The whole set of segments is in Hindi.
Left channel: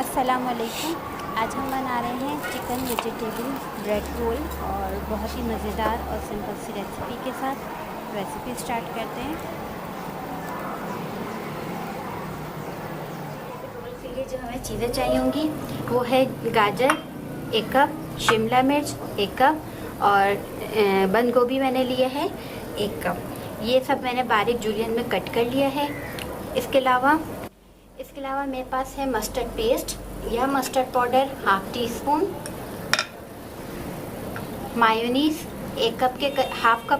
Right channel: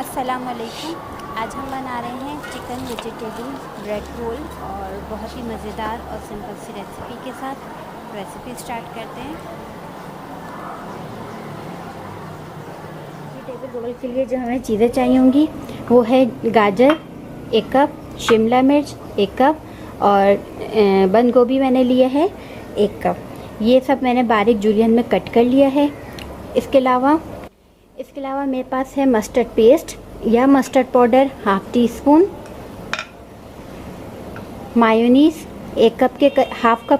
अस्सलाम वालेकुम। आज हम बना रहे हैं चिकन वेजिटेबल ब्रेड रोल और बहुत ही मज़ेदार और सिंपल सी रेसिपी के साथ रेसिपी स्टार्ट करते हैं। वेजिटेबल रोल के लिए जो हमें चीज़ें चाहिए होंगी वो है गाजर 1 कप, शिमला मिर्च 1 कप और बंद गोभी मैंने लिया है 1 कप। ये सब मैंने बारीक जुलियन में कट कर लिया है। इसके अलावा मेरे पास है मस्टर्ड पेस्ट या mustard powder half tea spoon, mayonnaise 1 cup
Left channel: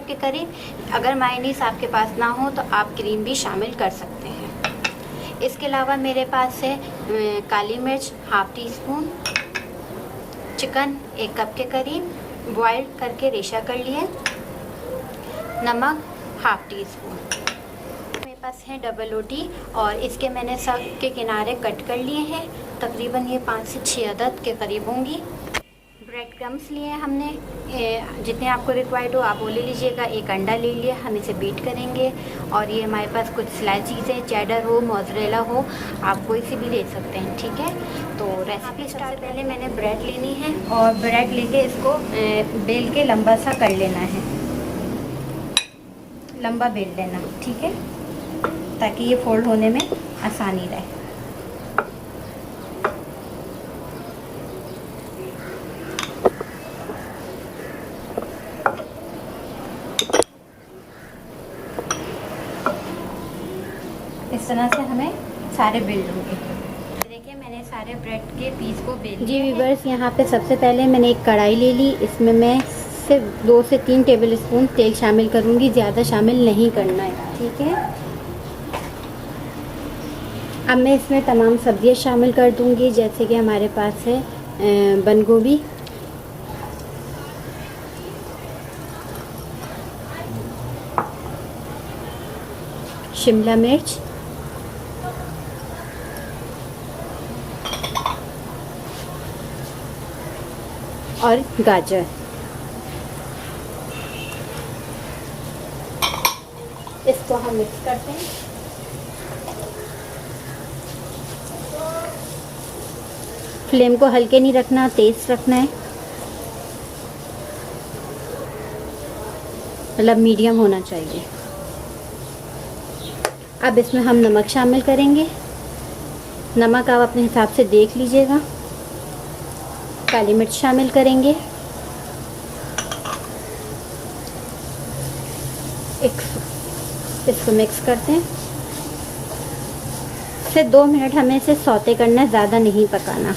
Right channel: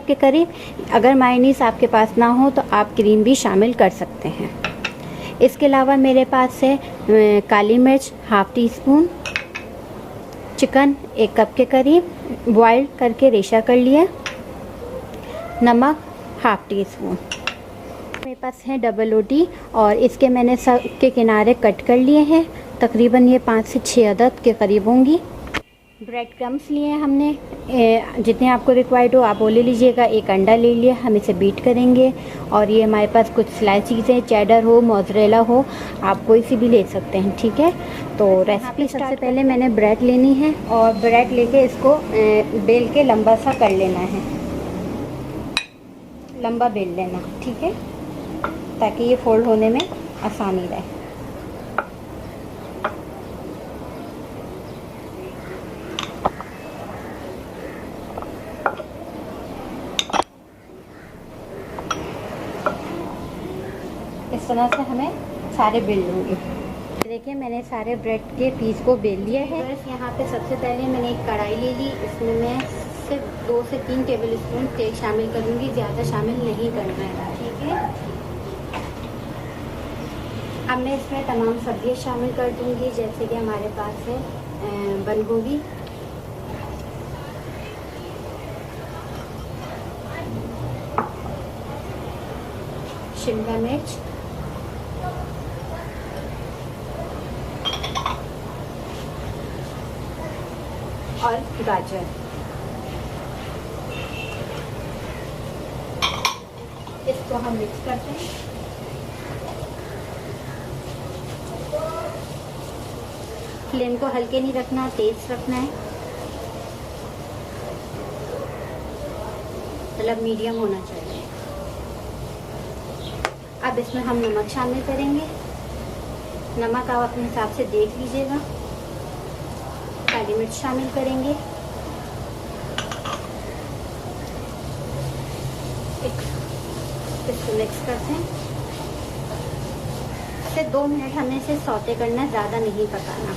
के करीब। अगर मायोनीज आपके पास ना हो तो आप क्रीम भी शामिल कर सकते हैं। इसके अलावा मेरे पास है काली मिर्च half tea spoon, chicken 1 cup के करीब बॉयल करके रेशा कर लिया, नमक हाफ टी स्पून। मेरे पास है डबल रोटी और इसके मैंने सब के किनारे कट कर लिए हैं। तकरीबन ये 5 से 6 अदद के करीब होंगी। ब्रेड क्रम्स लिए हैं हमने, जितने आपको रिक्वायर्ड हो आप वो ले लीजिएगा। 1 अंडा ले लिया, हम इसे बीट करेंगे। और ये हमारे पास कुछ स्लाइस चीज़ें, चेडर हो, मोज़रेला हो, आप कोई सी भी ले सकते हैं, ठीक है। तो रेसिपी सबसे पहले मैंने ब्रेड लेनी है और ब्रेड लेके इसको बेल के लंबा सा कर लेना है, लंबा बेल लेना, ठीक है, ताकि ये फोल्ड होने में आसानी रहे। इस तरह से हमें सारे बेल लूँगी। देखिए मैंने सारे ब्रेड के पीस को बेल लिया। जी व्यूअर्स, यहाँ पे सबसे पहले मैंने एक कढ़ाई ले ली। इसमें मैं सिर्फ 2 से 3 टेबल स्पून तेल शामिल करूँगी, ज़्यादा शामिल नहीं करना है, ठीक है। अब मैं इसमें तमाम सब्जियां शामिल कर दूंगी, जैसे कि हमारे पास है बंद गोभी, शिमला मिर्च, और गाजर। इसको हम मिक्स करते हैं। फ्लेम को हल्के नहीं रखना, तेज रखना है, मतलब मीडियम होना चाहिए। अब इसमें हम नमक शामिल करेंगे। नमक आप अपने हिसाब से देख लीजिएगा। काली मिर्च शामिल करेंगे, इसको मिक्स करते हैं। फिर 2 मिनट हमें इसे सौते करना है, ज़्यादा नहीं पकाना।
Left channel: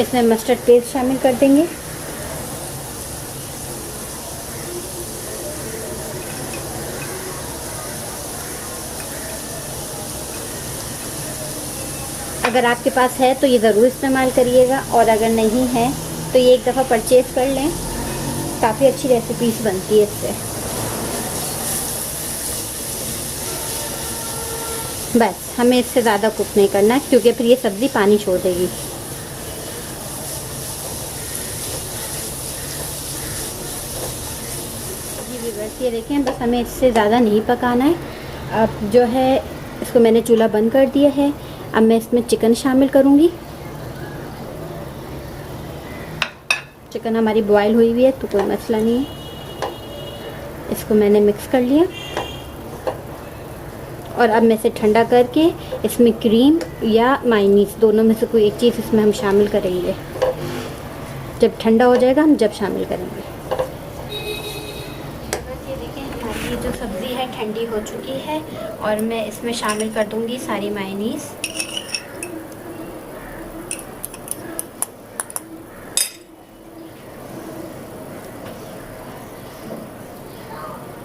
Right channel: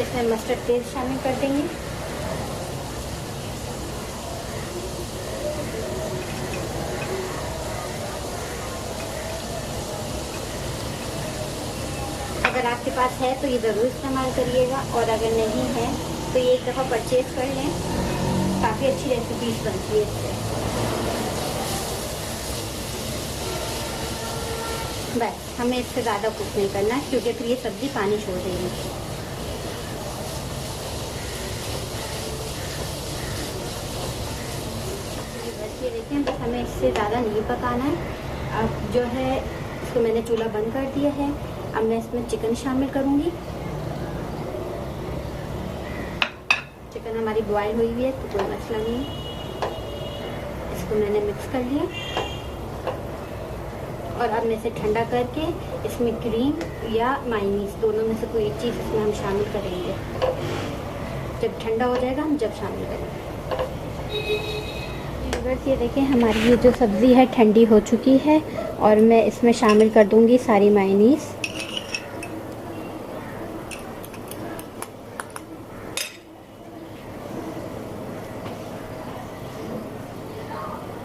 इसमें मस्टर्ड पेस्ट शामिल कर देंगे। अगर आपके पास है तो ये ज़रूर इस्तेमाल करिएगा, और अगर नहीं है तो ये एक दफ़ा परचेज कर लें। काफ़ी अच्छी रेसिपीज बनती है इससे। बस हमें इससे ज़्यादा कुक नहीं करना, क्योंकि फिर ये सब्ज़ी पानी छोड़ देगी। ये देखें, बस हमें इससे ज़्यादा नहीं पकाना है। अब जो है इसको मैंने चूल्हा बंद कर दिया है। अब मैं इसमें चिकन शामिल करूँगी। चिकन हमारी बॉयल हुई हुई है तो कोई मसला नहीं है। इसको मैंने मिक्स कर लिया और अब मैं इसे ठंडा करके इसमें क्रीम या मायोनीज दोनों में से कोई एक चीज़ इसमें हम शामिल करेंगे। जब ठंडा हो जाएगा हम जब शामिल करेंगे। ये देखें, हमारी ये जो सब्ज़ी है ठंडी हो चुकी है और मैं इसमें शामिल कर दूंगी सारी मायोनीज।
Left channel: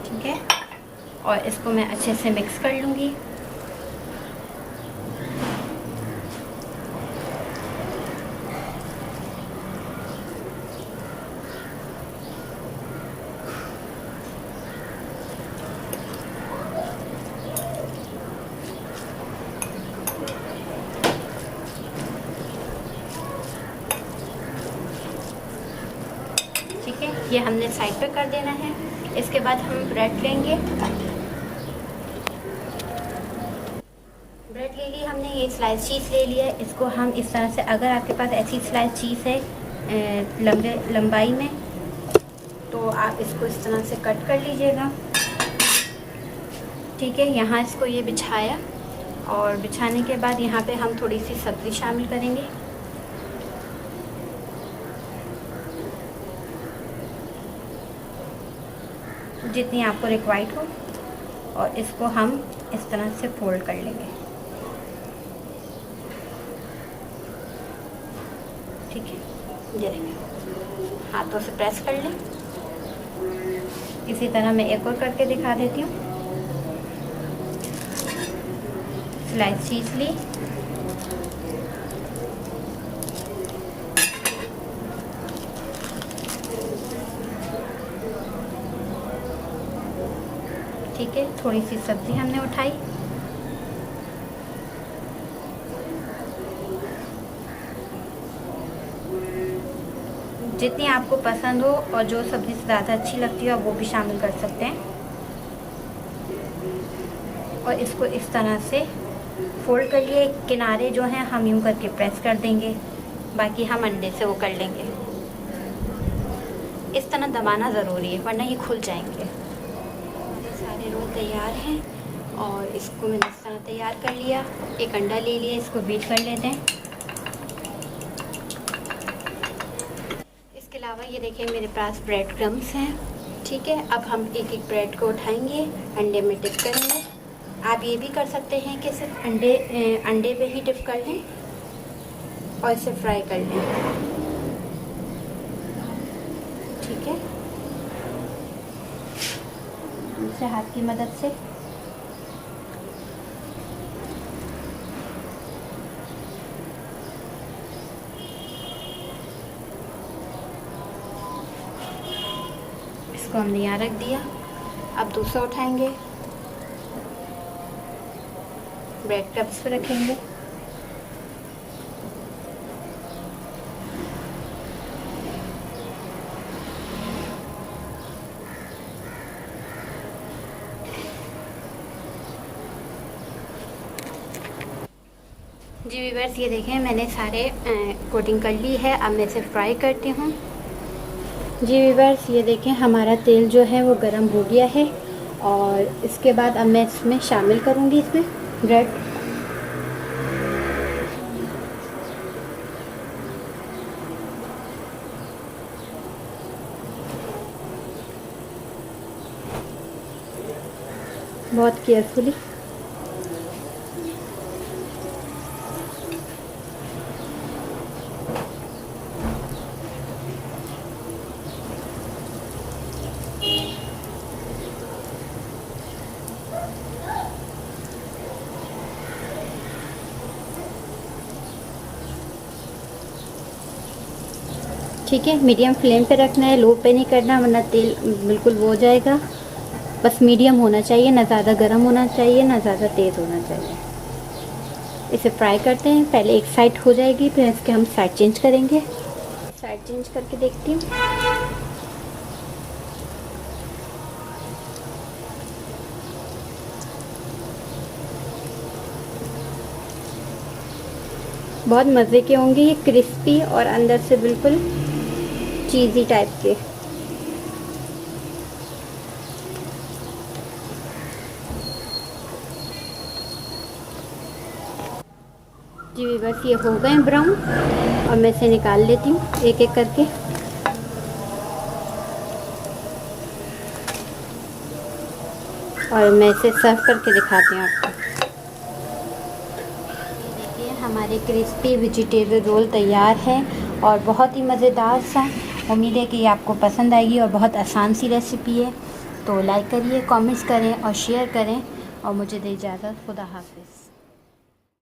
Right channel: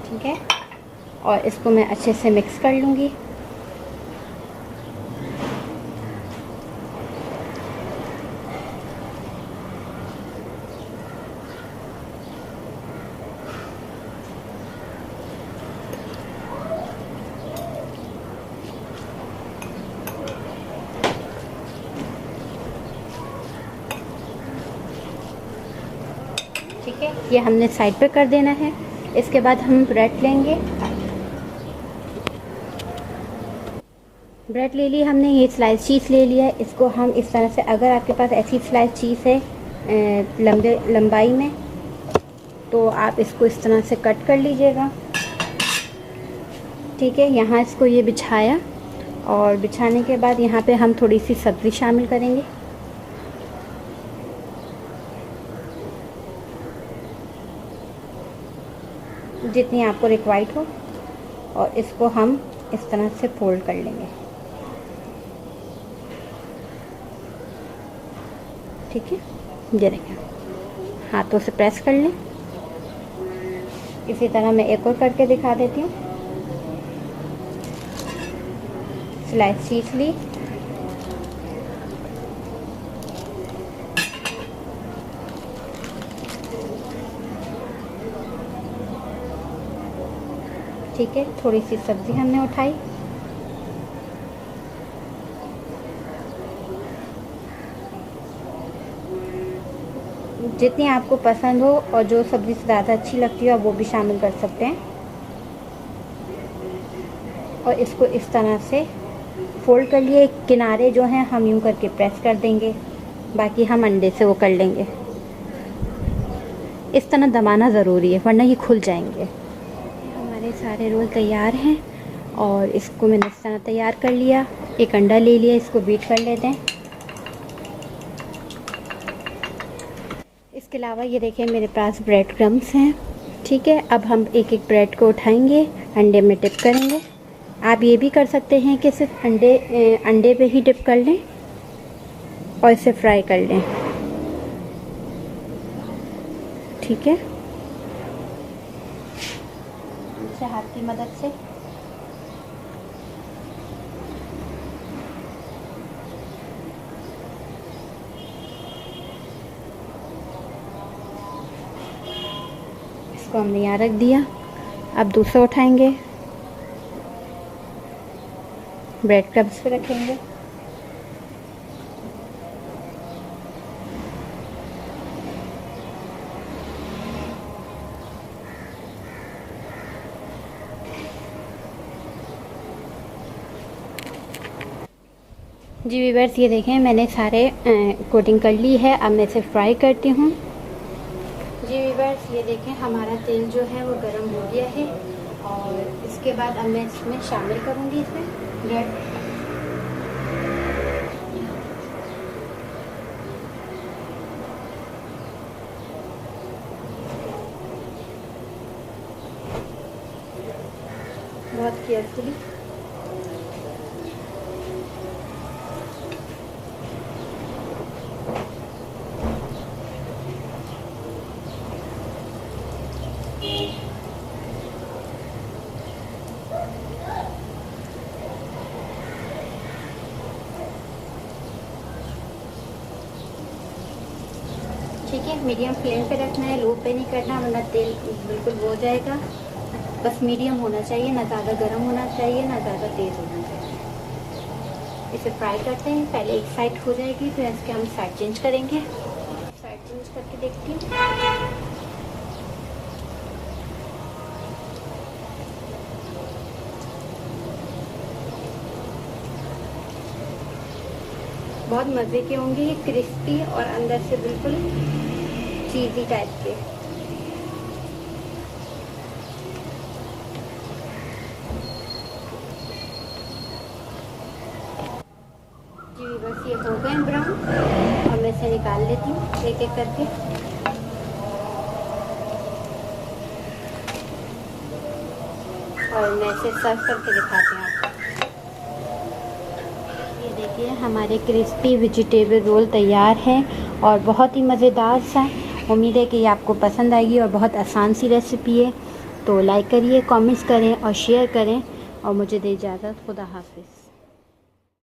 ठीक है, और इसको मैं अच्छे से मिक्स कर लूँगी। ठीक है, ये हमने साइड पे कर देना है। इसके बाद हम ब्रेड लेंगे। ब्रेड ले लिया हमने, ये स्लाइस चीज़ ले लिया। इसको हम इस तरह से, अगर आपके पास ऐसी स्लाइस चीज़ है लंबाई में, तो आप इसको इस तरह से कट कर लीजिएगा। ठीक है, यहाँ इसको ये बिछाया, और बिछाने के बाद यहाँ पे हम थोड़ी सी सब्ज़ी शामिल करेंगे। जितनी आपको रिक्वायर्ड हो, और इसको हम इस तरह से फोल्ड कर लेंगे। ठीक है, ये देखिए, हाथों से प्रेस कर लें। इसी तरह मैं एक और करके दिखा देती हूँ। स्लाइस चीज़ ली, ठीक है, थोड़ी सी सब्जी हमने उठाई, जितनी आपको पसंद हो और जो सब्ज़ी से ज़्यादा अच्छी लगती है वो भी शामिल कर सकते हैं। और इसको इस तरह से फोल्ड कर लिए। किनारे जो हैं हम यूँ करके प्रेस कर देंगे, बाकी हम अंडे से वो कर लेंगे। इस तरह दबाना ज़रूरी है, वरना ये खुल जाएंगे। हमारे सारे रोल तैयार हैं, और इसको मैंने इस तरह तैयार कर लिया। एक अंडा ले लिया, इसको बीट कर लेते हैं। इसके अलावा ये देखिए, मेरे पास ब्रेड क्रम्स हैं। ठीक है, अब हम एक एक ब्रेड को उठाएंगे, अंडे में डिप करेंगे। आप ये भी कर सकते हैं कि सिर्फ अंडे पे ही डिप कर लें और इसे फ्राई कर लें। ठीक है, इसे हाथ की मदद से इसको हमने यहाँ रख दिया। अब दूसरा उठाएंगे, ब्रेड क्रम्स पे रखेंगे। जी व्यूअर्स, ये देखें, मैंने सारे कोटिंग कर ली है। अब मैं इसे फ्राई करती हूँ। जी व्यूअर्स, ये देखें, हमारा तेल जो है वो गर्म हो गया है, और इसके बाद अब मैं इसमें शामिल करूँगी इसमें ब्रेड। बहुत केयरफुली। ठीक है, मीडियम फ्लेम पे रखना है, लो पे नहीं करना, वरना तेल बिल्कुल वो हो जाएगा। बस मीडियम होना चाहिए, ना ज़्यादा गर्म होना चाहिए, ना ज़्यादा तेज़ होना चाहिए। इसे फ्राई करते हैं। पहले एक साइड हो जाएगी, फिर इसके हम साइड चेंज करेंगे। साइड चेंज करके देखती हूँ। बहुत मज़े के होंगे ये, क्रिस्पी और अंदर से बिल्कुल चीज़ी टाइप के। जी बस ये हो गए ब्राउन, और मैं इसे निकाल लेती हूँ एक एक करके। और मैं इसे सर्व करके दिखाती हूँ आपको। ये देखिए, हमारे क्रिस्पी वेजिटेबल रोल तैयार है, और बहुत ही मज़ेदार सा। उम्मीद है कि ये आपको पसंद आएगी, और बहुत आसान सी रेसिपी है। तो लाइक करिए, कमेंट्स करें और शेयर करें, और मुझे दे इजाज़त। खुदा हाफिज़।